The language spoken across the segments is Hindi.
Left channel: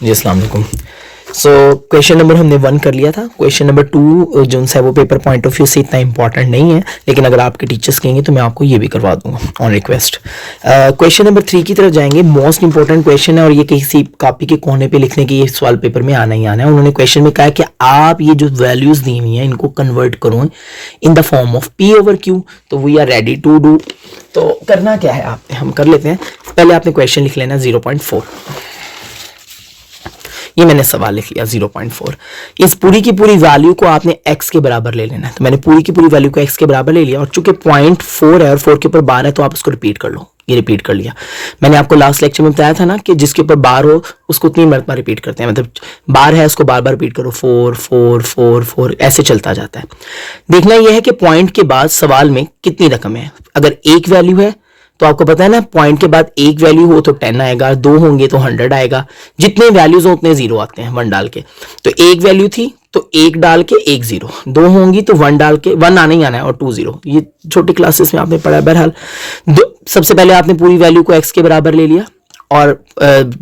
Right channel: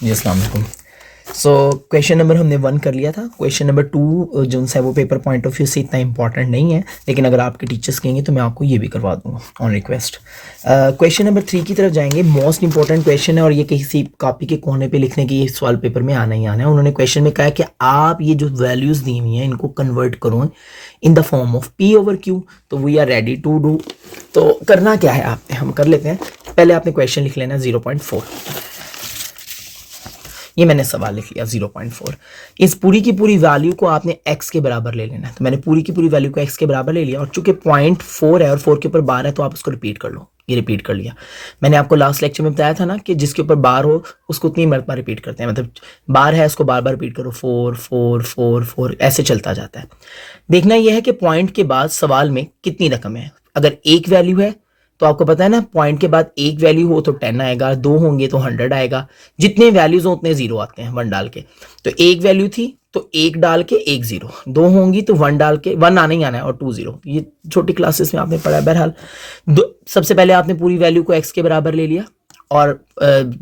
जी अस्सलाम वालेकुम। सो क्वेश्चन नंबर हमने 1 कर लिया था। क्वेश्चन नंबर 2 जो है वो पेपर पॉइंट ऑफ व्यू से इतना इंपॉर्टेंट नहीं है, लेकिन अगर आपके टीचर्स कहेंगे तो मैं आपको ये भी करवा दूंगा ऑन रिक्वेस्ट। क्वेश्चन नंबर 3 की तरफ जाएंगे। मोस्ट इंपॉर्टेंट क्वेश्चन है और ये किसी कॉपी के कोने पे लिखने की ये सवाल पेपर में आना ही आना है। उन्होंने क्वेश्चन में कहा कि आप ये जो वैल्यूज दी हुई हैं इनको कन्वर्ट करो in the form of P over Q. तो we are ready to do. तो करना क्या है आपने, हम कर लेते हैं। पहले आपने क्वेश्चन लिख लेना 0.4। ये मैंने सवाल लिख लिया 0.4। इस पूरी की पूरी वैल्यू को आपने x के बराबर ले लेना है। तो मैंने पूरी की पूरी वैल्यू को x के बराबर ले लिया और चूंकि 0.4 है और 4 के ऊपर बार है तो आप उसको रिपीट कर लो। ये रिपीट कर लिया। मैंने आपको लास्ट लेक्चर में बताया था ना कि जिसके ऊपर बार हो उसको 3 मरतबा रिपीट करते हैं, मतलब बार है उसको बार बार रिपीट करो, 4 4 4 4 ऐसे चलता जाता है। देखना यह है कि पॉइंट के बाद सवाल में कितनी रकम है। अगर एक वैल्यू है तो आपको पता है ना, पॉइंट के बाद एक वैल्यू हो तो 10 आएगा, 2 होंगे तो 100 आएगा, जितने वैल्यूज हो उतने जीरो आते हैं 1 डाल के। तो एक वैल्यू थी तो 1 डाल के 1 0, 2 होंगी तो 1 डाल के 1 आना ही आना है और 2 0। ये छोटी क्लासेस में आपने पढ़ा है। बहरहाल सबसे पहले आपने पूरी वैल्यू को x के बराबर ले लिया और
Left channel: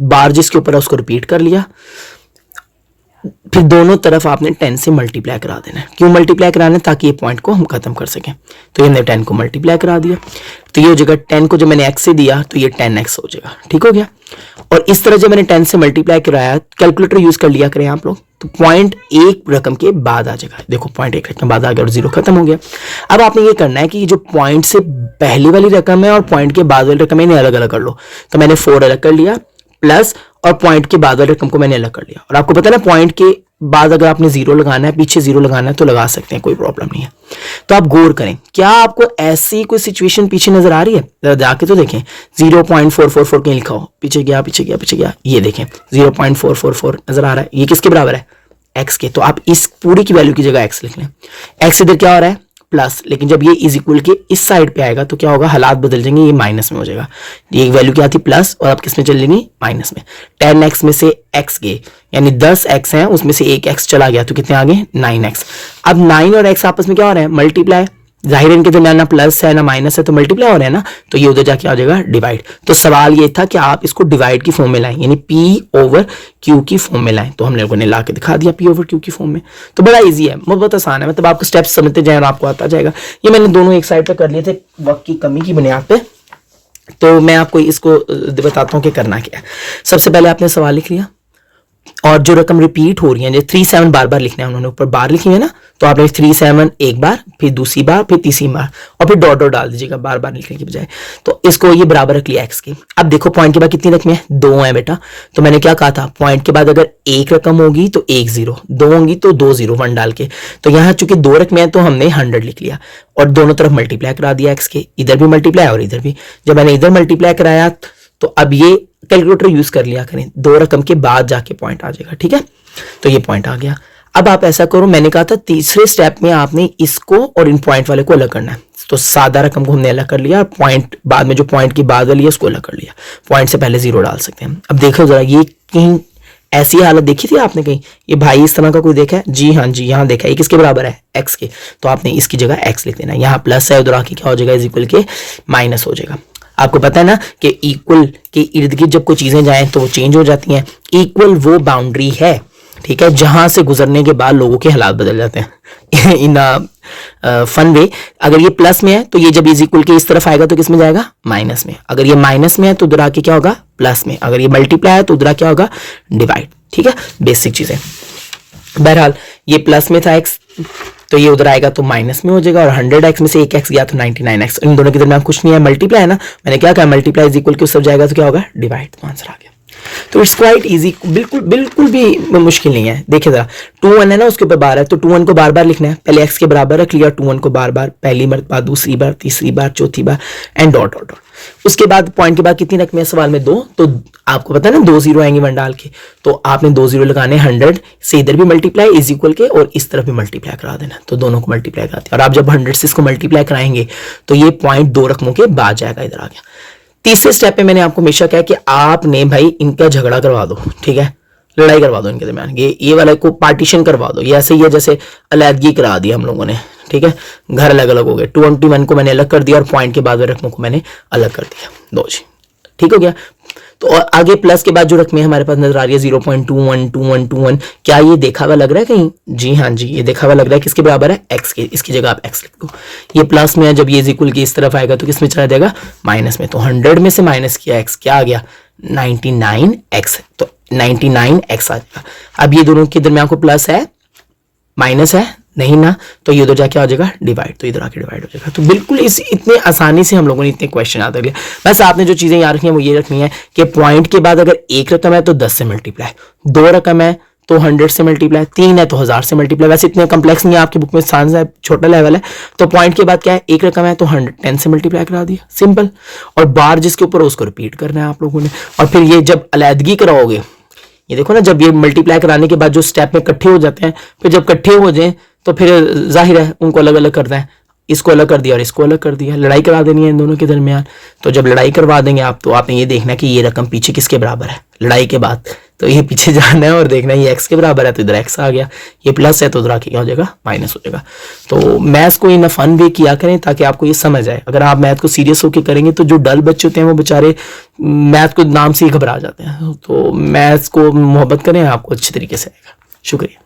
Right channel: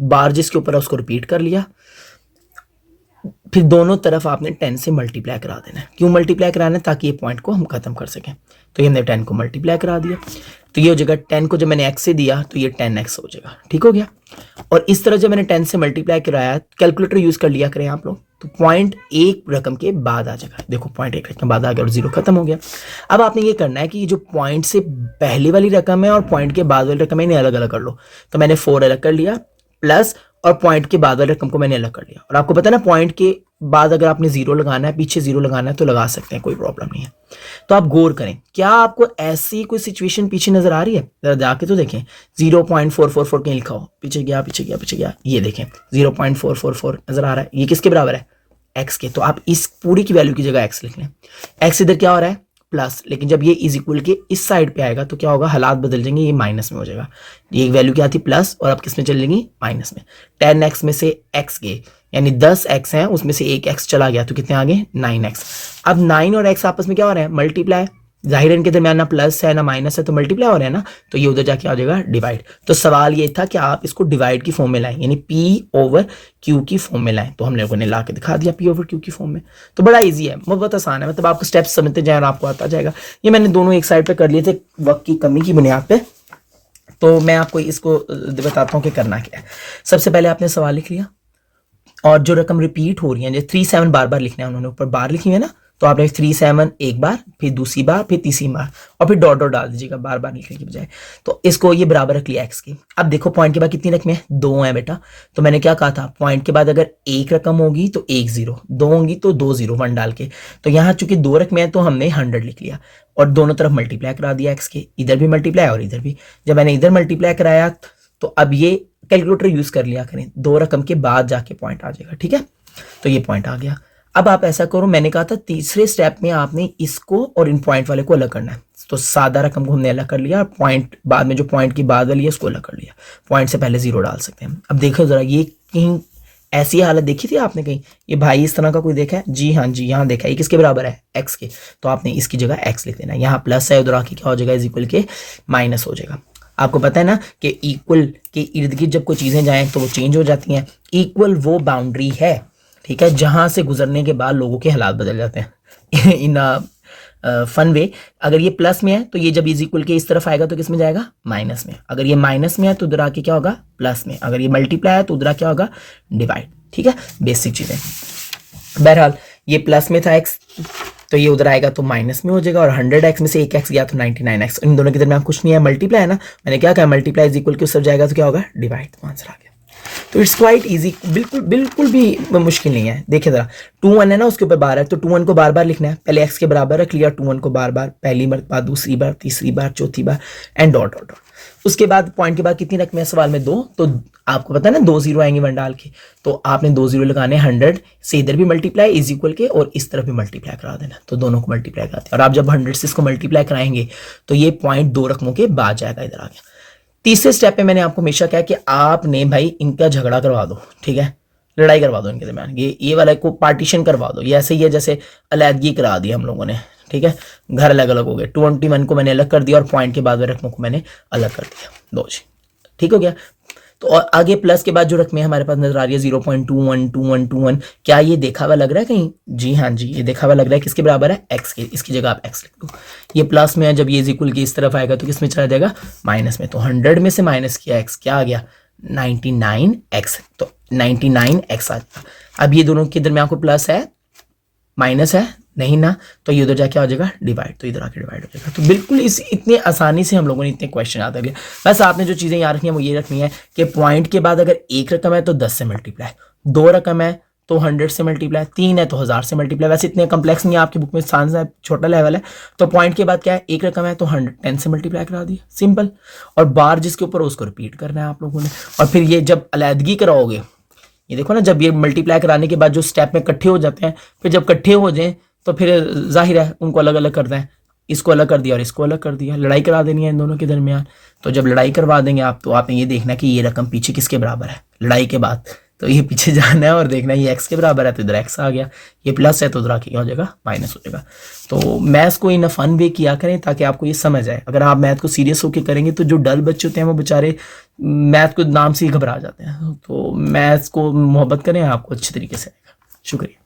बार जिसके ऊपर है उसको रिपीट कर लिया। फिर दोनों तरफ आपने 10 से मल्टीप्लाई करा देना है। क्यों मल्टीप्लाई कराना है? ताकि ये पॉइंट को हम खत्म कर सकें। तो ये हमने 10 को मल्टीप्लाई करा दिया तो ये हो जाएगा 10 को जब मैंने x से दिया तो ये 10x हो जाएगा। ठीक हो गया। और इस तरह जब मैंने 10 से मल्टीप्लाई कराया, कैलकुलेटर यूज कर लिया करें आप लोग, तो पॉइंट एक रकम के बाद आ जाएगा। देखो पॉइंट एक रकम बाद आ गया और जीरो खत्म हो गया। अब आपने ये करना है कि जो पॉइंट से पहले वाली रकम है और पॉइंट के बाद वाली रकम है इन्हें अलग अलग कर लो। तो मैंने 4 अलग कर लिया प्लस और पॉइंट के बाद वाली रकम को मैंने अलग कर लिया। और आपको पता है ना, पॉइंट के बाद अगर आपने जीरो लगाना है, पीछे जीरो लगाना है तो लगा सकते हैं, कोई प्रॉब्लम नहीं है। तो आप गौर करें, क्या आपको ऐसी कोई सिचुएशन पीछे नजर आ रही है? जरा जाके तो देखें। 0.444 कहीं लिखा हो, पीछे गया पीछे गया पीछे गया, ये देखें 0.444 नजर आ रहा है। ये किसके बराबर है? x के। तो आप इस पूरी की वैल्यू की जगह x लिख लें। x इधर क्या हो रहा है? प्लस, लेकिन जब ये इज इक्वल के इस साइड पे आएगा तो क्या होगा? हालात बदल जाएंगे, ये माइनस में हो जाएगा। ये वैल्यू क्या थी? प्लस, और आप किस में चल जाएंगी? माइनस में। 10x में से x गए, यानी 10x है उसमें से एक x चला गया तो कितने आ गए? 9x। अब 9 और x आपस में क्या हो रहा है? मल्टीप्लाई। जाहिर है इनके दरमियान ना प्लस है ना माइनस है तो मल्टीप्लाई हो रहा है ना, तो ये उधर जाके आ जाएगा डिवाइड। तो सवाल ये था कि आप इसको डिवाइड की फॉर्म में लाएं, यानी p ओवर q की फॉर्म में लाएं। तो हम लोगों ने ला के दिखा दिया p ओवर q की फॉर्म में। तो बड़ा इजी है, बहुत आसान है, मतलब आपको स्टेप्स समझते जाए और आपको आता जाएगा। ये मैंने दोनों एक साइड पे कर लिए थे वक्त की कमी की बुनियाद पे। तो मैं आपको इसको बताता हूँ कि करना क्या है। सबसे पहले आपने सवाल लिख लिया और जो रकम रिपीट हो रही है, जैसे 37 बार बार लिखना है, उन्होंने ऊपर बार लिखी है ना, तो आपने 37 एक बार, फिर दूसरी बार, फिर तीसरी बार, और फिर डॉट डॉट डाल दीजिएगा बार बार लिखने की बजाय। तो इसको ये बराबर रख लिया x की। अब देखो पॉइंट के बाद कितनी रकमें हैं? 2 है बेटा। तो मैंने क्या कहा था? पॉइंट के बाद अगर एक रकम होगी तो 1 0, 2 होंगी तो 2 0, 1 डाल के। तो यहाँ चूंकि 2 रकमें हैं तो हमने 100 लिख लिया और दोनों तरफ मल्टीप्लाई करा दिया x के। इधर भी मल्टीप्लाई और इधर भी। जब मैंने इधर मल्टीप्लाई कराया तो अब ये कैलकुलेटर यूज कर लिया करें, 2 रकम के बाद जाके पॉइंट आ जाएगा। ठीक है, तो ये पॉइंट आ गया। अब आप ऐसा करो, मैंने कहा था तीसरे स्टेप में आपने इसको और इन पॉइंट वाले को अलग करना है। तो सादा रकम को हमने अलग कर लिया, पॉइंट बाद में जो पॉइंट की बाद वाली है उसको अलग कर लिया। पॉइंट से पहले 0 डाल सकते हैं। अब देखो जरा, ये कहीं ऐसी हालत देखी थी आपने कहीं? ये भाई इस तरह का कोई देखा है? जी हाँ जी, यहाँ देखा है। ये किसके बराबर है? x के। तो आपने इसकी जगह x लिख देना है। यहाँ प्लस है, उधर आके क्या हो जाएगा? इज इक्वल के माइनस हो जाएगा। आपको पता है ना कि इक्वल के इर्द गिर्द जब कोई चीजें जाएं तो वो चेंज हो जाती हैं। इक्वल वो बाउंड्री है, ठीक है, जहां से गुजरने के बाद लोगों के हालात बदल जाते हैं इन फन वे। अगर ये प्लस में है तो ये जब इज इक्वल के इस तरफ आएगा तो किस में जाएगा? माइनस में। अगर ये माइनस में है तो उधर आके क्या होगा? प्लस में। अगर ये मल्टीप्लाई है तो उधर क्या होगा? डिवाइड। ठीक है, बेसिक चीजें। बहरहाल ये प्लस में था x, तो ये उधर आएगा तो माइनस में हो जाएगा। और 100x में से एक x गया तो 99x। इन दोनों के दरमियान कुछ नहीं है, मल्टीप्लाई है ना। मैंने क्या कहा? मल्टीप्लाई इज इक्वल के उस सब जाएगा तो क्या होगा? डिवाइड। तो आंसर आ गया। तो इट्स क्वाइट इजी, बिल्कुल बिल्कुल भी मुश्किल नहीं है। देखिए जरा, 2 1 है ना, उसके ऊपर बार है तो 2 1 को बार बार लिखना है। पहले x के बराबर रख लिया 2 1 को बार बार, पहली मरतबा, दूसरी बार, तीसरी बार, चौथी बार, एंड डॉट डॉट डॉट। उसके बाद पॉइंट के बाद कितनी रकमें? सवाल में 2। तो आपको पता है ना 2 0 आएंगे 1 डाल के, तो आपने 2 0 लगाने। 100 से इधर भी मल्टीप्लाई इज इक्वल के और इस तरफ भी मल्टीप्लाई करा देना। तो दोनों को मल्टीप्लाई करा दिया। और आप जब 100 से इसको मल्टीप्लाई कराएंगे तो ये पॉइंट 2 रकमों के बाद जाएगा, इधर आ गया। तीसरे स्टेप पे मैंने आपको हमेशा कहा कि आपने भाई इनका झगड़ा करवा दो, ठीक है, लड़ाई करवा दो इनके दरमियान। ये वाला को पार्टीशन करवा दो। ये ऐसे ही है जैसे अलहदगी करा दी हम लोगों ने, ठीक है, घर अलग अलग हो गए। 21 को मैंने अलग कर दिया और पॉइंट के बाद रकमों को मैंने अलग कर दिया। दो जी, ठीक हो गया। तो और आगे प्लस के बाद जो रकमें हमारे पास नजर आ रही है 0.212121, क्या ये देखा हुआ लग रहा है कहीं? जी हाँ जी, ये देखा हुआ लग रहा है। किसके बराबर है? एक्स के। इसकी जगह आप एक्स लिख दो। ये प्लस में है, जब ये इक्वल की इस तरफ आएगा तो किस में चला जाएगा? माइनस में। तो 100 में से माइनस किया एक्स, क्या आ गया? 99x। तो 99x आ जाएगा। अब ये दोनों के दरमियान को प्लस है माइनस है नहीं ना, तो ये उधर जाके आ जाएगा डिवाइड, तो इधर आके डिवाइड हो जाएगा। तो बिल्कुल इस इतने आसानी से हम लोगों ने इतने क्वेश्चन याद कर लिए। बस आपने जो चीजें याद रखनी है वो ये रखनी है कि पॉइंट के बाद अगर एक रकम है तो 10 से मल्टीप्लाई, 2 रकम है तो 100 से मल्टीप्लाई, 3 है तो 1000 से मल्टीप्लाई। वैसे इतने कम्प्लेक्स नहीं है आपकी बुक में, आसान है, छोटा लेवल है। तो पॉइंट के बाद क्या है? एक रकम है तो 110 से मल्टीप्लाई करा दिया, सिंपल। और बार जिसके ऊपर उसको रिपीट करना है आप लोगों ने। और फिर ये जब अलहदगी कराओगे, ये देखो ना, जब ये मल्टीप्लाई कराने के बाद जो स्टेप में इकट्ठे हो जाते हैं, फिर जब इकट्ठे हो जाए तो फिर जाहिर है उनको अलग अलग करना है। इसको अलग कर दिया और इसको अलग कर दिया, लड़ाई करा देनी है इन दोनों के दरमियान। तो जब लड़ाई करवा देंगे आप, तो आपने ये देखना कि ये रकम पीछे किसके बराबर है लड़ाई के बाद। तो ये पीछे जाना है और देखना है ये एक्स के बराबर है तो इधर एक्स आ गया, ये प्लस है तो उधर आके क्या हो जाएगा? माइनस हो जाएगा। तो मैथ्स को इन फन वे किया करें ताकि आपको ये समझ आए। अगर आप मैथ को सीरियस होकर करेंगे तो जो डल बच्चे होते हैं वो बेचारे मैथ को नाम से ही घबरा जाते हैं। तो मैथ्स को मोहब्बत करें, आपको अच्छे तरीके से आएगा। शुक्रिया।